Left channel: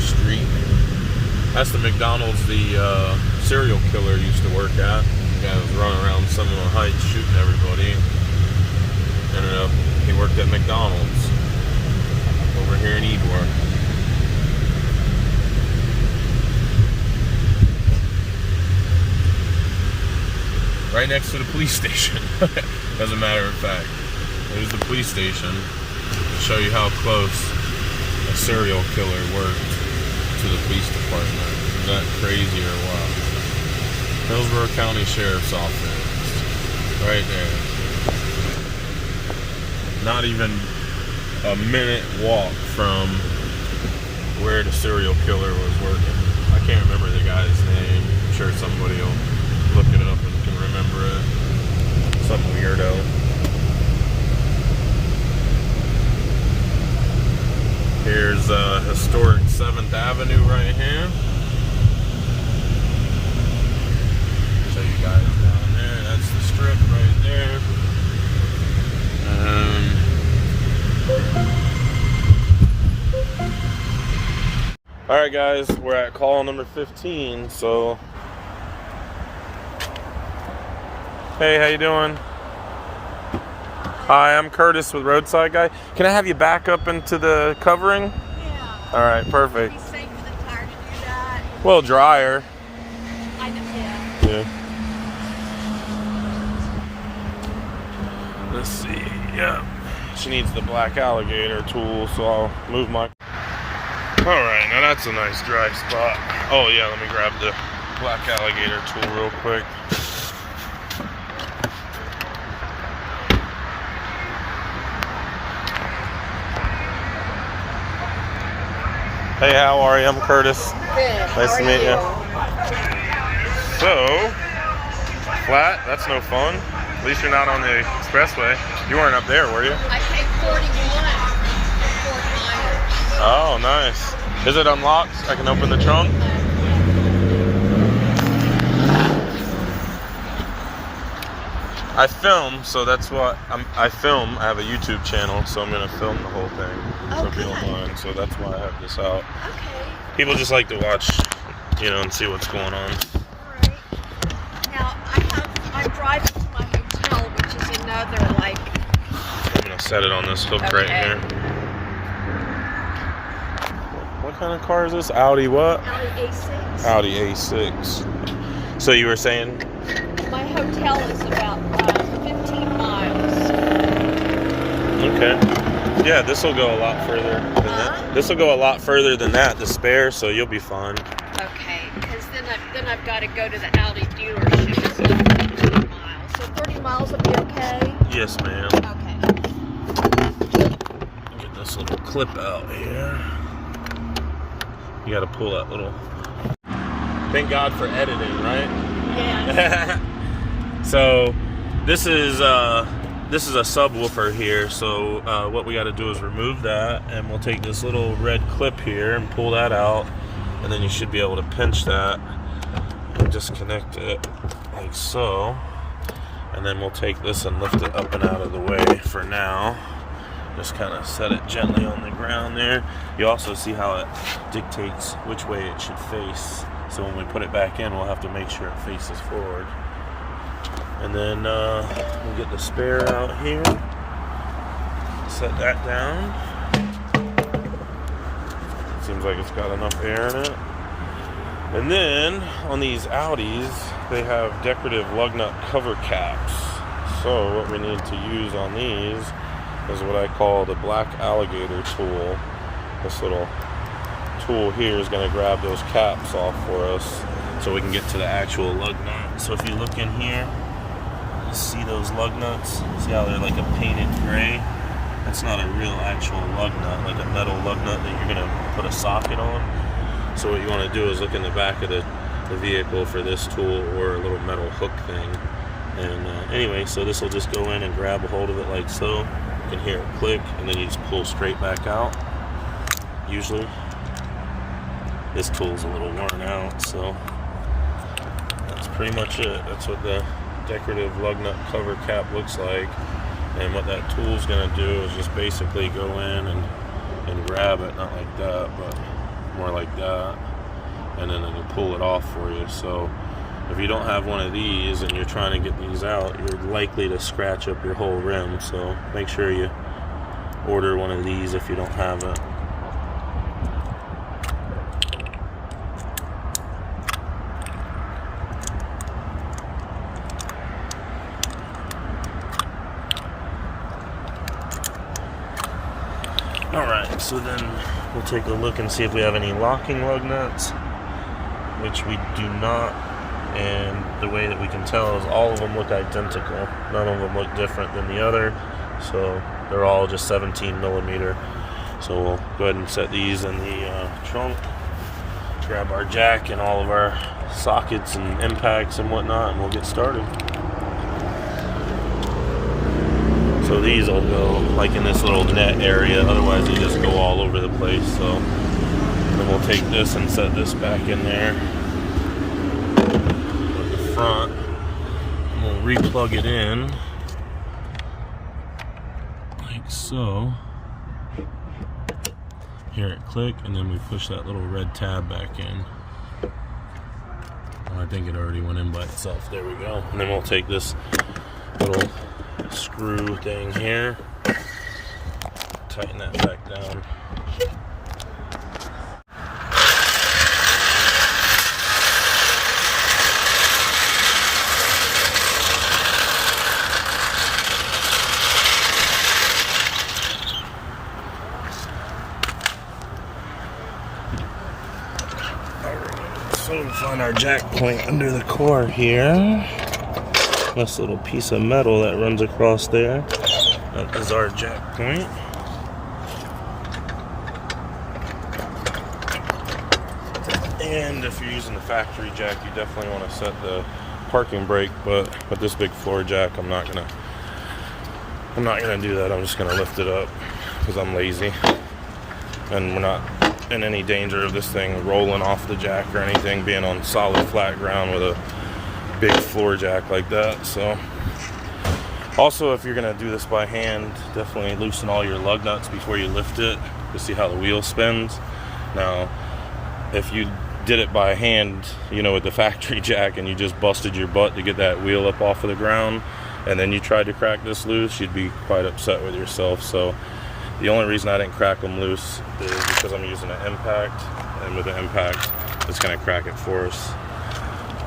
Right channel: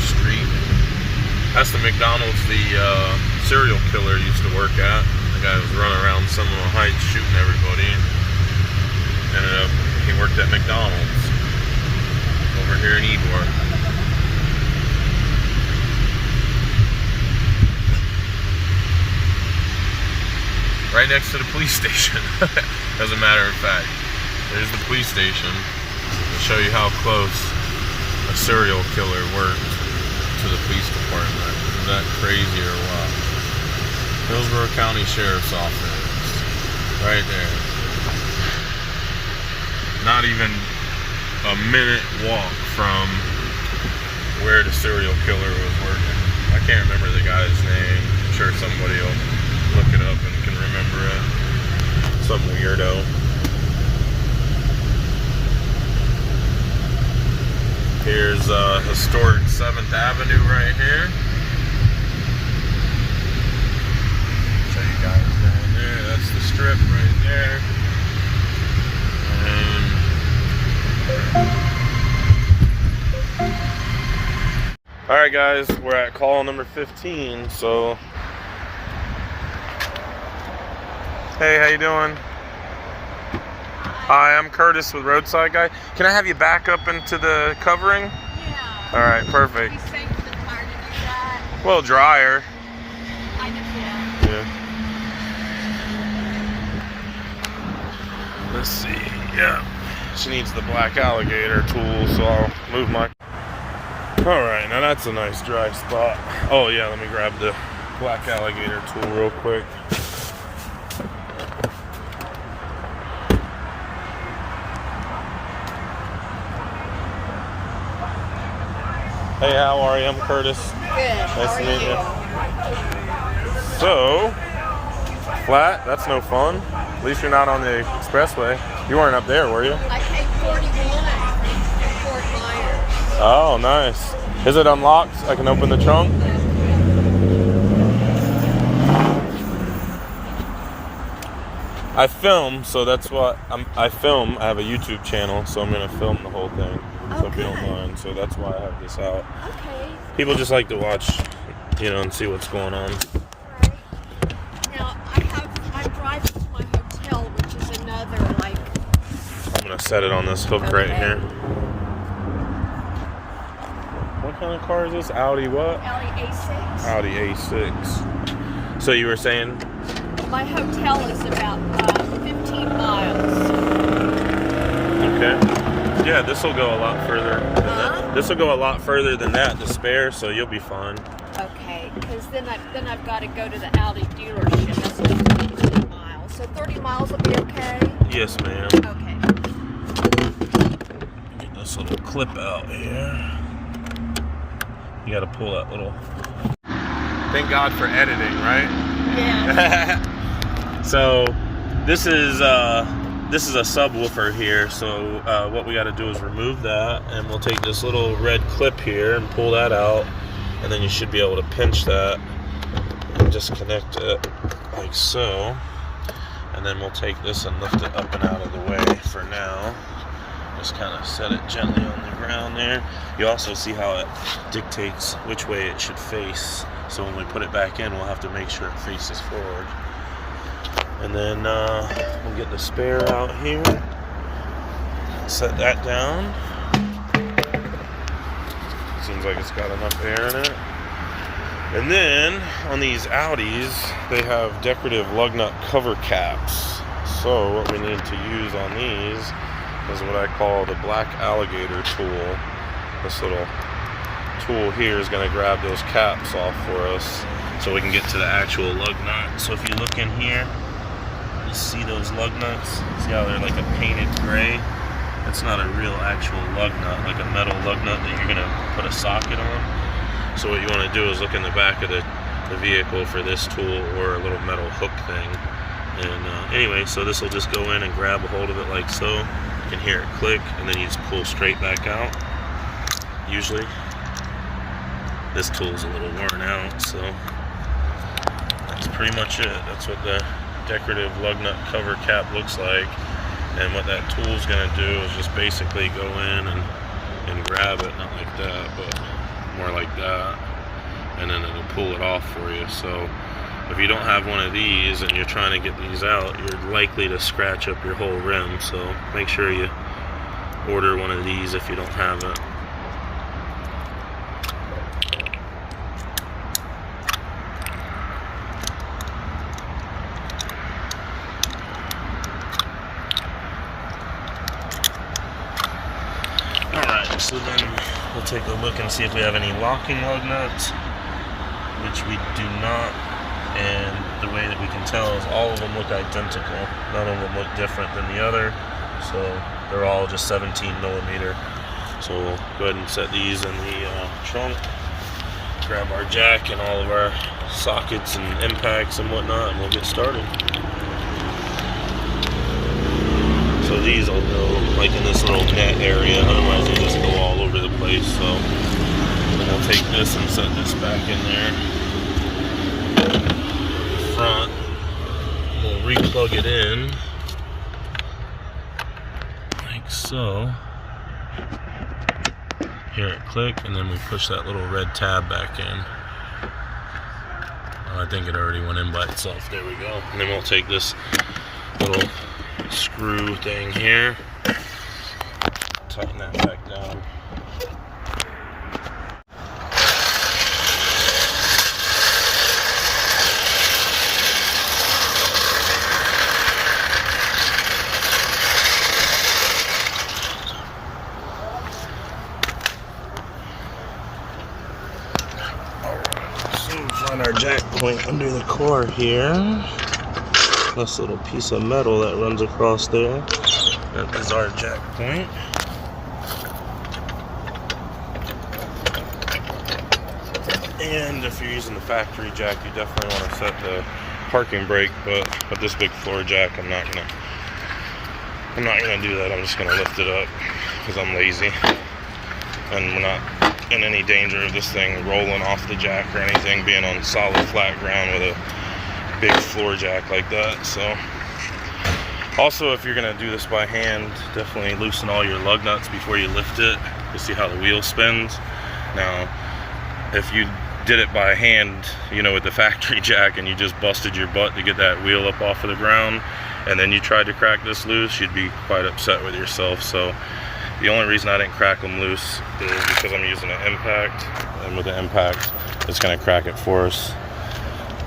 First Street. That's the McDonald's the serial killer used to work at. The guy was running around Seminole Heights shooting everybody. And he worked at McDonald's over here in Ybor. Right next to the police station, as a matter of fact. There's the police station. I'll show you how close a serial killer worked to the police department. Is that crazy or what? Hillsborough County Sheriff's Office. Right there. Not even a minute walk from where the serial killer was working. I can't remember the guy's name. I'm sure somebody will look it up and can remember it. Some weirdo. Here's historic 7th Avenue right here. Show you guys down there. That's the strip right there. And alright guys, we're at call number 15, so hey, how you doing? Hi, I'm Curtis with Roadside Guy. Can I have you back up into the covering? Yeah. Alright, perfect. Be safe for the car to do that. Well, drier. I just, yeah. Let's see. Yeah. She needs the black alligator tool, so I'll move my... Alright, now that's a nice dry spot. Oh yeah, let me grab the black alligator tool real quick. Hey, how are you? I'm Curtis. Good. Nice to meet you. So, flat, that's no fun. At least you're not on the expressway. You weren't up there, were you? I paid 41 for 4 miles. Oh, nice. Is it unlocked? I can open the trunk? I film, so that's what I film. I have a YouTube channel, so I'm going to film the whole thing. So if you don't mind. So that's why I have this out. Okay. People just like to watch, you know, and see what's going on. Alright. Now, I'm driving to my hotel, which is another, like... I'm going to set it on this hook right here. What kind of car is this? Audi what? Audi A6. Audi A6. So you were saying? My hotel is about 15 miles. Okay. Yeah, this will go a lot further than that. This will go a lot further than that, the spare, so you'll be fine. Okay, because then I've got to go to the Audi dealership. It's 30 miles. So 30 miles will be okay? Yes, ma'am. Okay. Get this little clip out here. You got to pull that little... Thank God for editing, right? Yeah. So, this is a subwoofer here, so what we got to do is remove that, and we'll take this little red clip here and pull that out, and then you should be able to pinch that and just connect it like so, and then we'll take this and lift it up and out of the way for now. Just kind of set it gently on the ground there. You also see how it dictates which way it should face, so when we put it back in, we'll have to make sure it faces forward. And then we'll get the spare out here, set that down. Seems like it's got enough air in it. And then on these Audis, they have decorative lug nut cover caps. So what we need to use on these is what I call the black alligator tool. This little tool here is going to grab those caps off for us so we can get to the actual lug nut. So if you look in here, you see those lug nuts? See how they're like a painted gray? That's not a real actual lug nut, like a metal lug nut that you're gonna put a socket on. So what you want to do is look in the back of the vehicle for this tool or a little metal hook thing. And anyway, so this will just go in and grab a hold of it like so. You can hear it click, and then you just pull straight back out. Usually, this tool's a little worn out, so that's pretty much it. That's what the decorative lug nut cover cap looks like. And what that tool's gonna do is just basically go in and grab it, not like that, but more like that, and then it'll pull it off for you. So if you don't have one of these and you're trying to get these out, you're likely to scratch up your whole rim. So make sure you order one of these if you don't have it. Alright, so then we'll take a look and see if we have any locking lug nuts, which we do not. And the way that we can tell is all of them look identical. None of them look different than the other. So they're all just 17 millimeter. So we'll go ahead and set these in the trunk. Grab our jack and all of our sockets and impacts and whatnot, and we'll get started. So these will go like in this little net area, otherwise they just go all over the place. So then we'll take this and set this back in there. The front, we'll re-plug it in like so. Hear it click, and then we push that little red tab back in. I think it already went in by itself. There we go. And then we'll take this little screw thing here, tighten that back down. So find our jack point under the core here. This little piece of metal that runs across there. That is our jack point. And if you're using the factory jack, you definitely want to set the parking brake. But with this big floor jack, I'm not gonna do that. I'm just gonna lift it up because I'm lazy, and we're not in any danger of this thing rolling off the jack or anything, being on solid flat ground with a big floor jack like that. So also, if you're gonna do this by hand, definitely loosen all your lug nuts before you lift it to see how the wheel spins. Now if you did it by hand, you know, with the factory jack, and you just busted your butt to get that wheel up off of the ground, and then you tried to crack this loose, you'd be quite upset with yourself. So the only reason I didn't crack them loose is because I'm using an impact, and with the impact it's gonna crack it for us.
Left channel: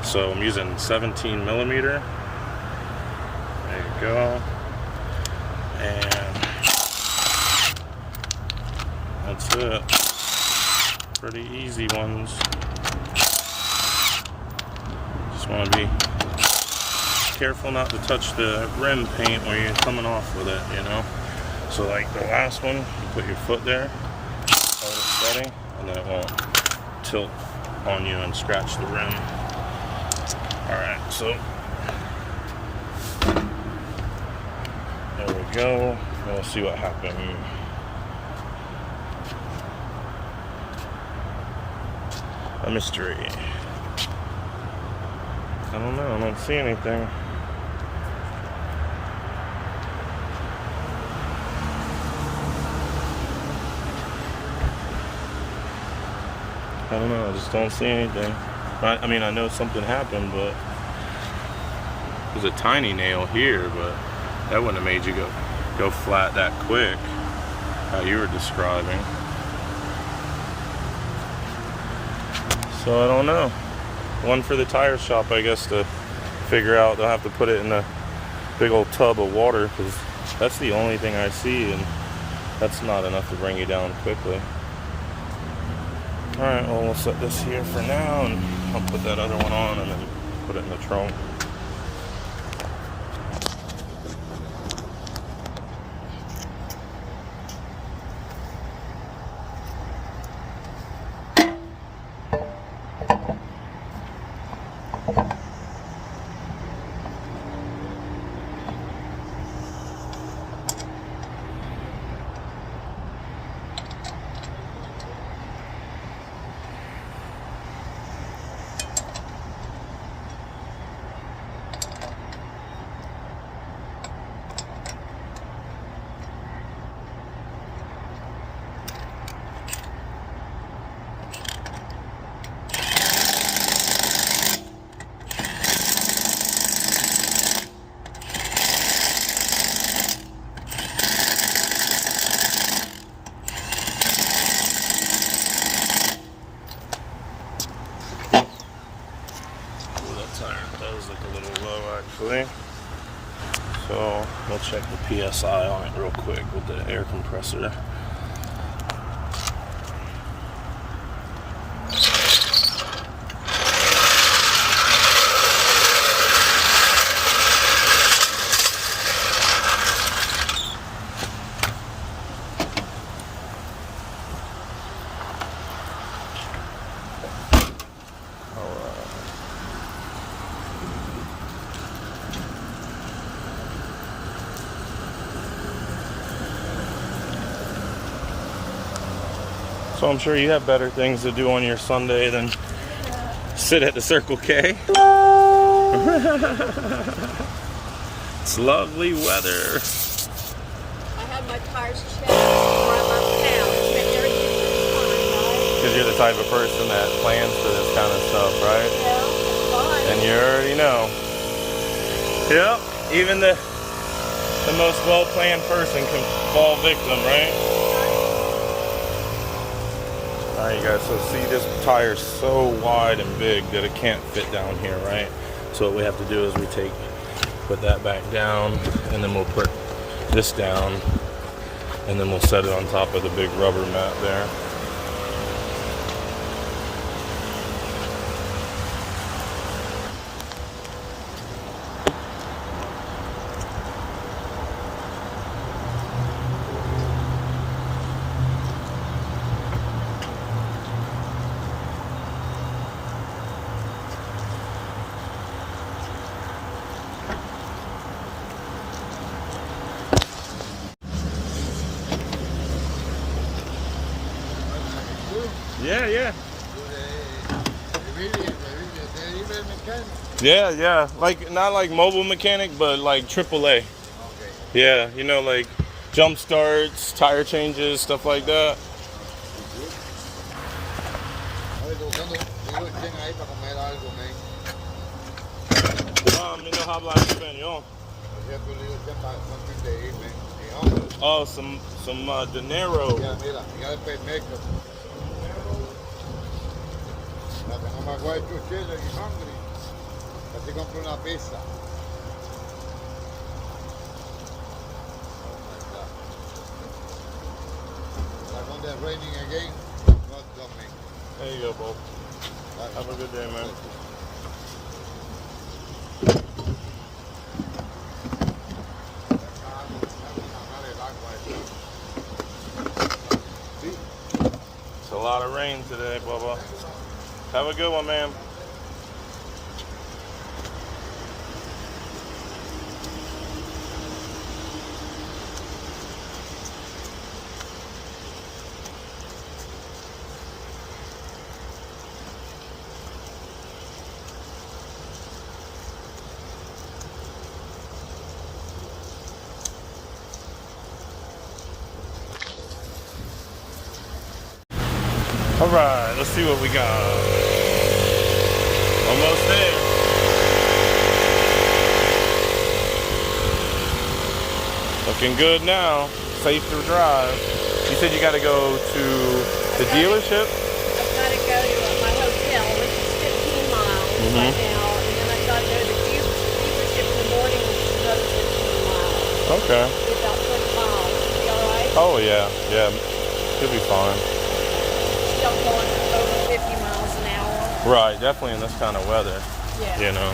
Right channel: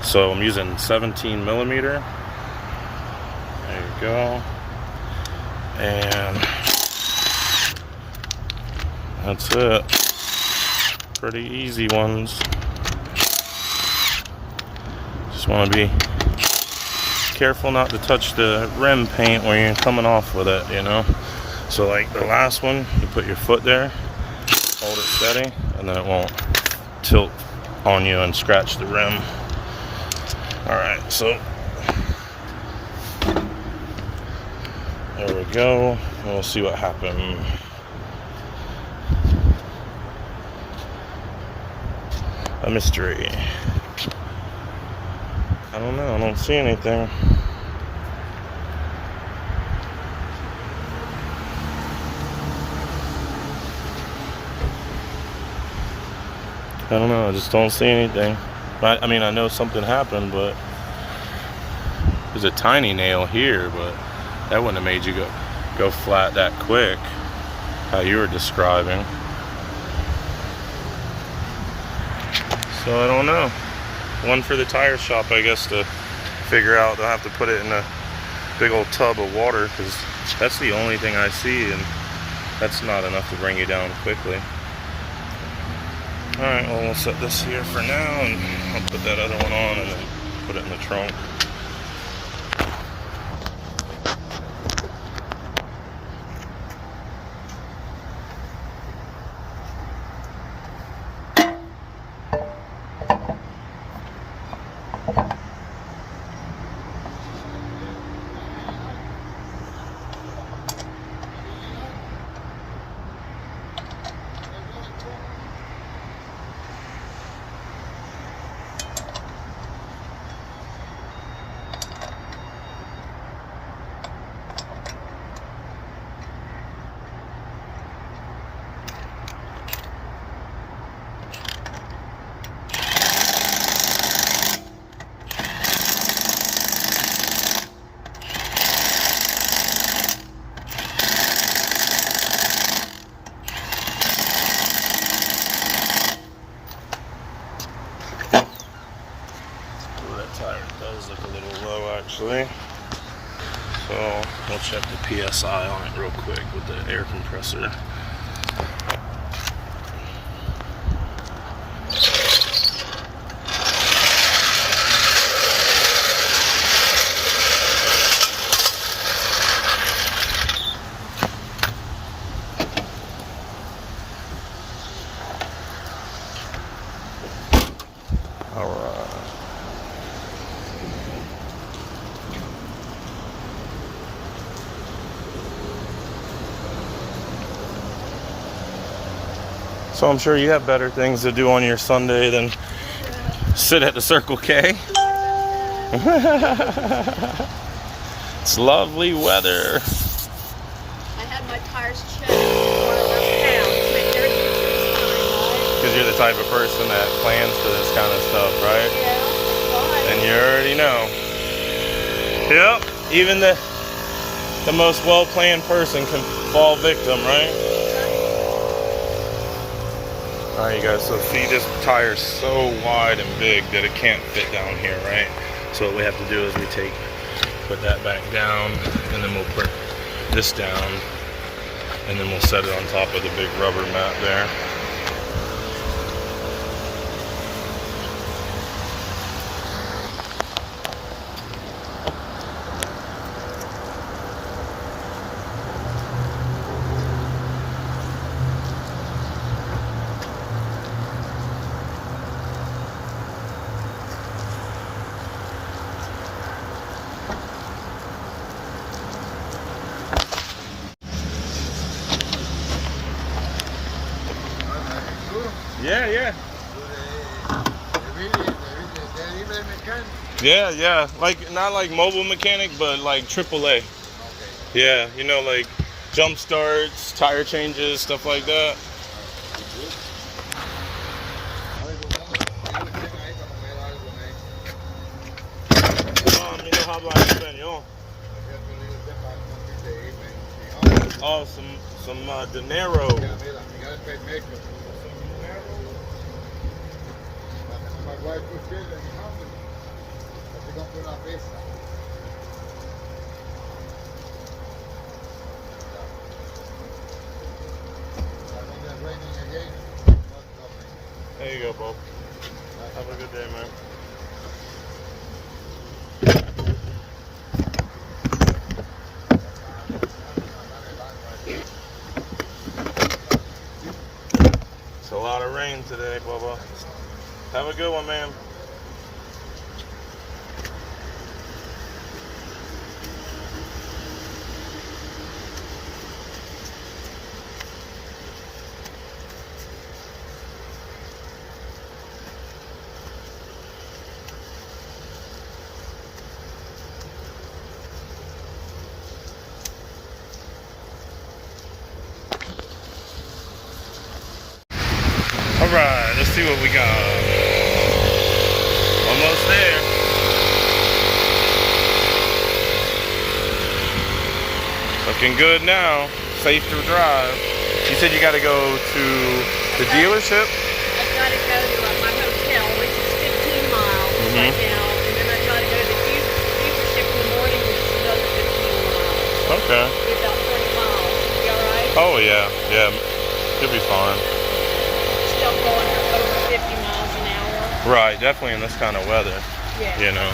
So I'm using 17 millimeter. There we go. And that's it. Pretty easy ones. Just want to be careful not to touch the rim paint when you're coming off with it, you know. So like the last one, you put your foot there, hold it steady, and then it won't tilt on you and scratch the rim. Alright, so there we go, and we'll see what happens. A mystery. I don't know, I don't see anything. I don't know, I just don't see anything. I mean, I know something happened, but there's a tiny nail here, but that wouldn't have made you go flat that quick, how you were describing. So I don't know. One for the tire shop, I guess, to figure out. They'll have to put it in a big old tub of water, because that's the only thing I see, and that's not enough to bring you down quickly. Alright, well, we'll set this here for now, and I'll put that other one on and then put it in the trunk. actually. So we'll check the PSI on it real quick with the air compressor. So I'm sure you have better things to do on your Sunday than sit at the Circle K. It's lovely weather. I had my tires checked. Because you're the type of person that plans for this kind of stuff, right? Yeah. And you already know. Yep. Even the most well-planned person can fall victim, right? Alright, you guys, so see, this tire's so wide and big that it can't fit down here, right? So what we have to do is we put that back down, and then we'll put this down, and then we'll set it on top of the big rubber mat there. Yeah. Yeah. Like, not like mobile mechanic, but like AAA. Okay. Yeah, you know, like jump starts, tire changes, stuff like that. You know how about español? Oh, some dinero. There you go, Bo. Have a good day, man. It's a lot of rain today, Bubba. Have a good one, man. All right, let's see what we got. Almost there. Looking good now. Safe to drive. You said you got to go to the dealership? I've got to go to my hotel, which is 15 miles right now. And then I've got to go to the dealership in the morning, which is another 15 miles. Okay. Be about 20 miles. You alright? Oh, yeah. You'll be fine. Still going over 50 miles an hour. Right, definitely in this kind of weather. Yeah. You know?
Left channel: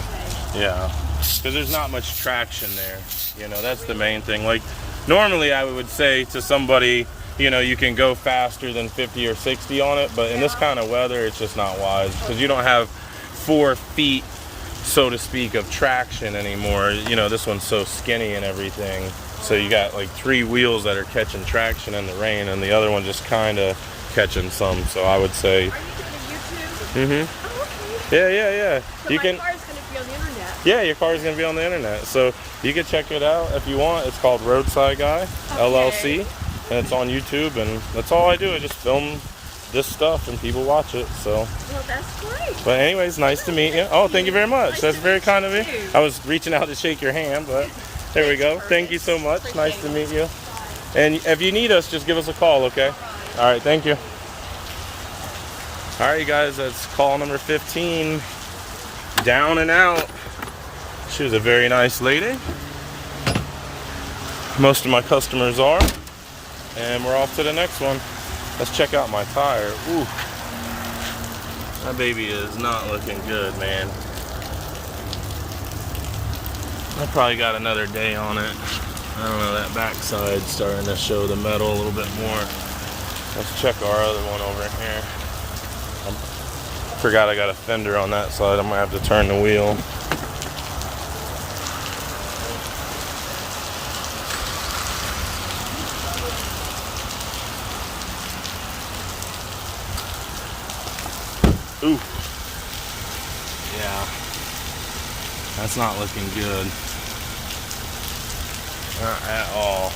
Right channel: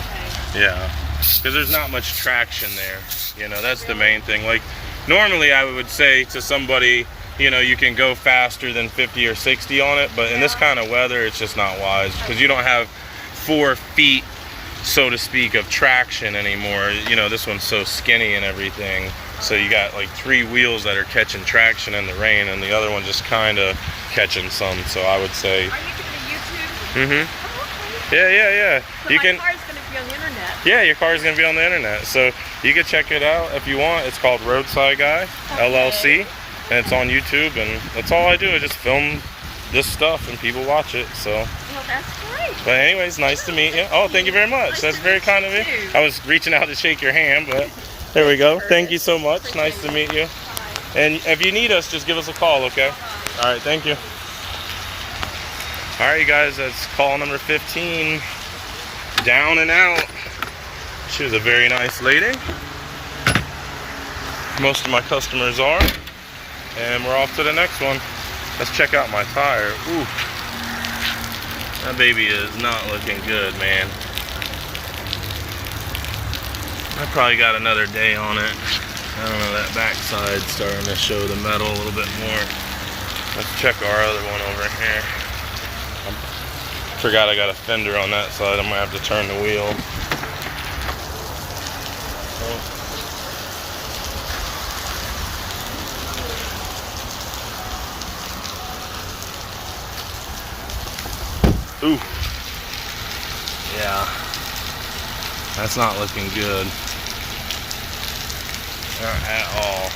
Okay. Yeah. Because there's not much traction there. You know, that's the main thing. Like, normally I would say to somebody, you know, you can go faster than 50 or 60 on it, but in this kind of weather, it's just not wise because you don't have 4 feet, so to speak, of traction anymore. You know, this one's so skinny and everything. So you got like 3 wheels that are catching traction in the rain and the other one just kind of catching some. So I would say... Are you doing a YouTube? Mm-hmm. Oh, okay. Yeah. So You my can... car's going to be on the internet. Yeah, your car is going to be on the internet. So you can check it out if you want. It's called Roadside Guy, LLC. And it's on YouTube. And that's all I do. I just film this stuff and people watch it. So, Well, that's great. but anyways, nice to meet you. Oh, thank you very much. Nice That's to very meet kind you of me. too. I was reaching out to shake your hand, but there we go. Thank you so much. Nice to meet you. And if you need us, just give us a call, okay? All right, thank you. All right, you guys, that's call number 15. Down and out. She was a very nice lady. Most of my customers are. And we're off to the next one. Let's check out my tire. Ooh. That baby is not looking good, man. I probably got another day on it. I don't know, that backside starting to show the metal a little bit more. Let's check our other one over here. Forgot I got a fender on that side. I might have to turn the wheel. Ooh. Yeah. That's not looking good. Not at all.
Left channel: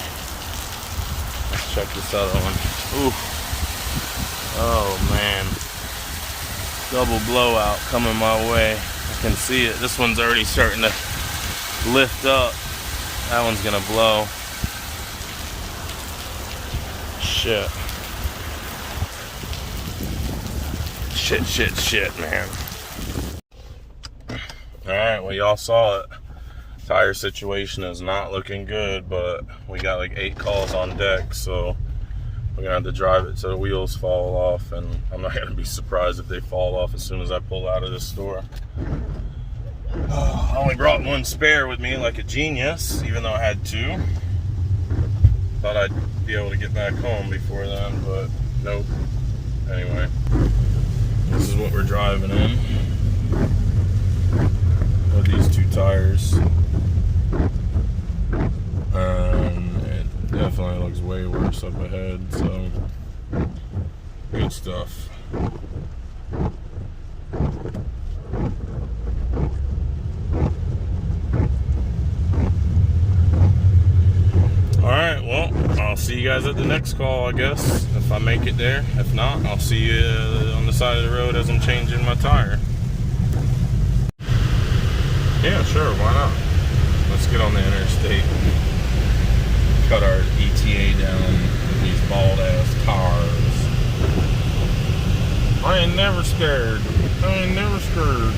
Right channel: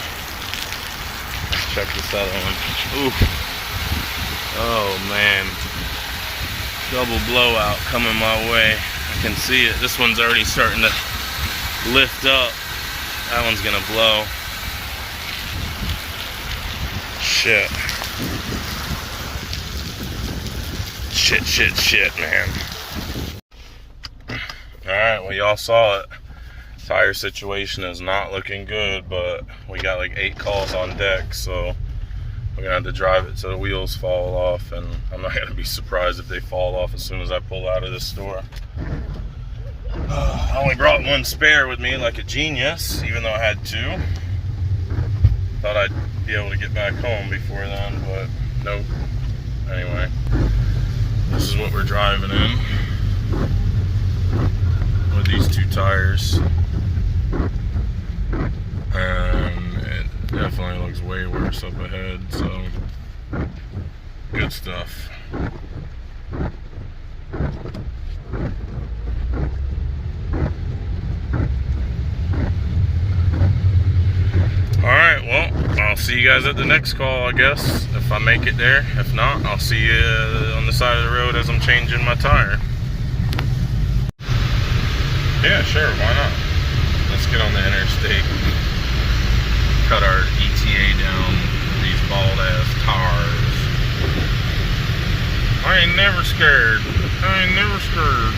Let's check this other one. Ooh. Oh man. Double blowout coming my way. I can see it. This one's already starting to lift up. That one's gonna blow. Shit. Shit, man. Alright, well, y'all saw it. Tire situation is not looking good, but we got like 8 calls on deck, so we're gonna have to drive it till the wheels fall off, and I'm not gonna be surprised if they fall off as soon as I pull out of this store. I only brought one spare with me like a genius, even though I had 2. Thought I'd be able to get back home before then, but nope. Anyway, this is what we're driving in with these 2 tires. And it definitely looks way worse up ahead, so good stuff. Alright, well, I'll see you guys at the next call, I guess, if I make it there. If not, I'll see you on the side of the road as I'm changing my tire. Yeah, sure, why not? Let's get on the interstate. Cut our ETA down with these bald ass tires. I ain't never scared. I ain't never scared.